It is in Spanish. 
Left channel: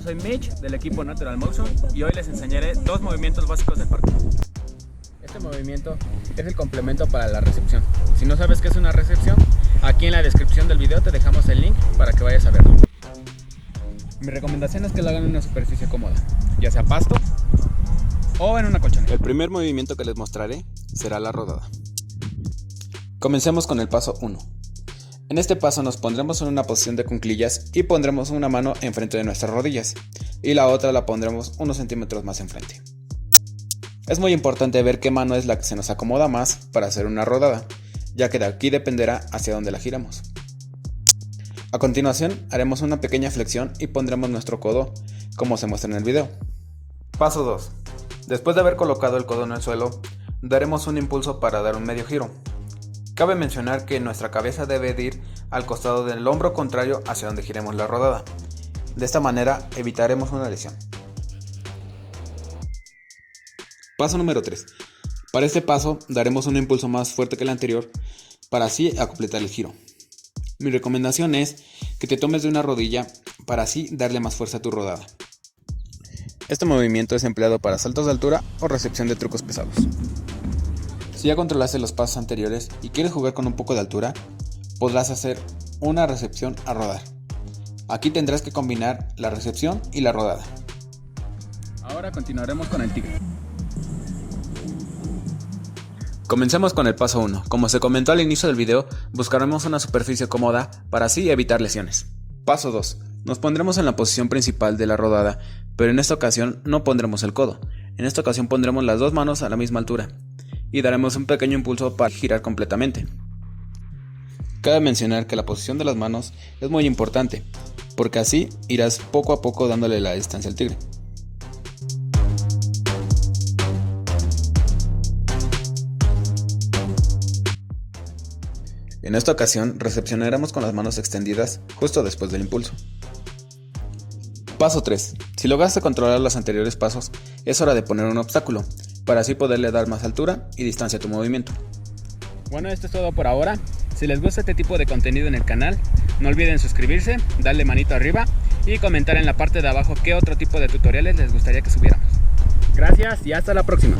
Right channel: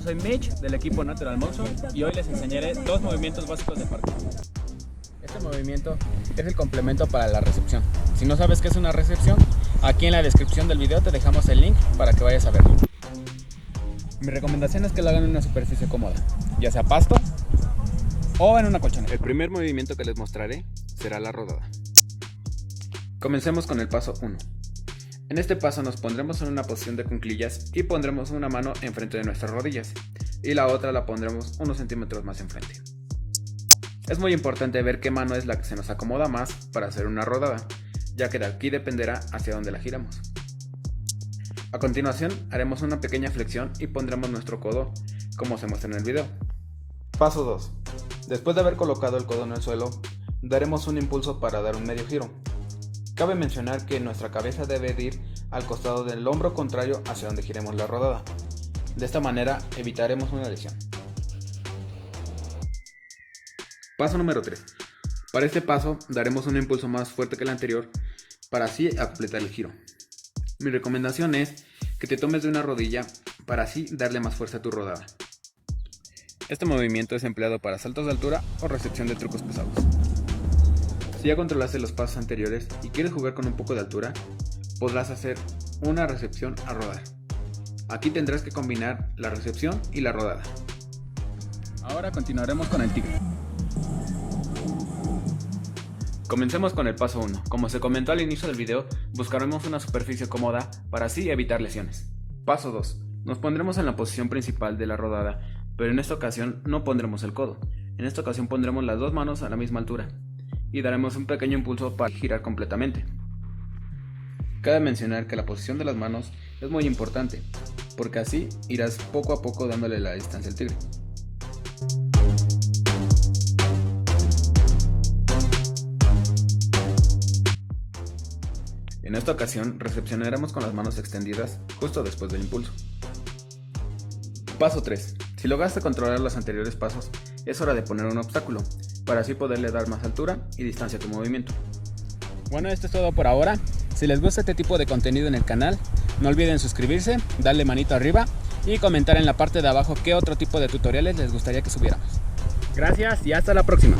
yo soy Mitch del equipo Natural Motion y hoy les enseñaré dos movimientos básicos del parkour. Este movimiento es el complemento para la recepción. Si no sabes qué es una recepción, aquí en la descripción del video te dejamos el link para que vayas a verlo. Mi recomendación es que lo hagan en una superficie cómoda, ya sea pasto o en una colchoneta. El primer movimiento que les mostraré será la rodada. Comencemos con el paso 1. En este paso nos pondremos en una posición de cuclillas y pondremos una mano enfrente de nuestras rodillas y la otra la pondremos unos centímetros más enfrente. Es muy importante ver qué mano es la que se nos acomoda más para hacer una rodada, ya que de aquí dependerá hacia dónde la giramos. A continuación haremos una pequeña flexión y pondremos nuestro codo como se muestra en el video. Paso 2. Después de haber colocado el codo en el suelo, daremos un impulso para dar un medio giro. Cabe mencionar que nuestra cabeza debe de ir al costado del hombro contrario hacia donde giremos la rodada. De esta manera evitaremos una lesión. Paso número 3. Para este paso daremos un impulso más fuerte que el anterior para así completar el giro. Mi recomendación es que te tomes de una rodilla para así darle más fuerza a tu rodada. Este movimiento es empleado para saltos de altura o recepción de trucos pesados. Si ya controlaste los pasos anteriores y quieres jugar con un poco de altura, podrás hacer una recepción a rodar. Aquí tendrás que combinar la recepción y la rodada. Ahora continuaremos con el tigre. Comencemos con el paso 1. Como se comentó al inicio del video, buscaremos una superficie cómoda para así evitar lesiones. Paso 2. Nos pondremos en la posición principal de la rodada, pero en esta ocasión no pondremos el codo. En esta ocasión pondremos las dos manos a la misma altura y daremos un pequeño impulso para girar completamente. Cabe mencionar que la posición de las manos es muy importante, porque así irás poco a poco dándole la distancia al tigre. En esta ocasión recepcionaremos con las manos extendidas justo después del impulso. Paso 3. Si lograste controlar los anteriores pasos, es hora de poner un obstáculo, para así poderle dar más altura y distancia a tu movimiento. Bueno, esto es todo por ahora. Si les gusta este tipo de contenido en el canal, no olviden suscribirse, darle manito arriba y comentar en la parte de abajo qué otro tipo de tutoriales les gustaría que subiéramos. Gracias y hasta la próxima.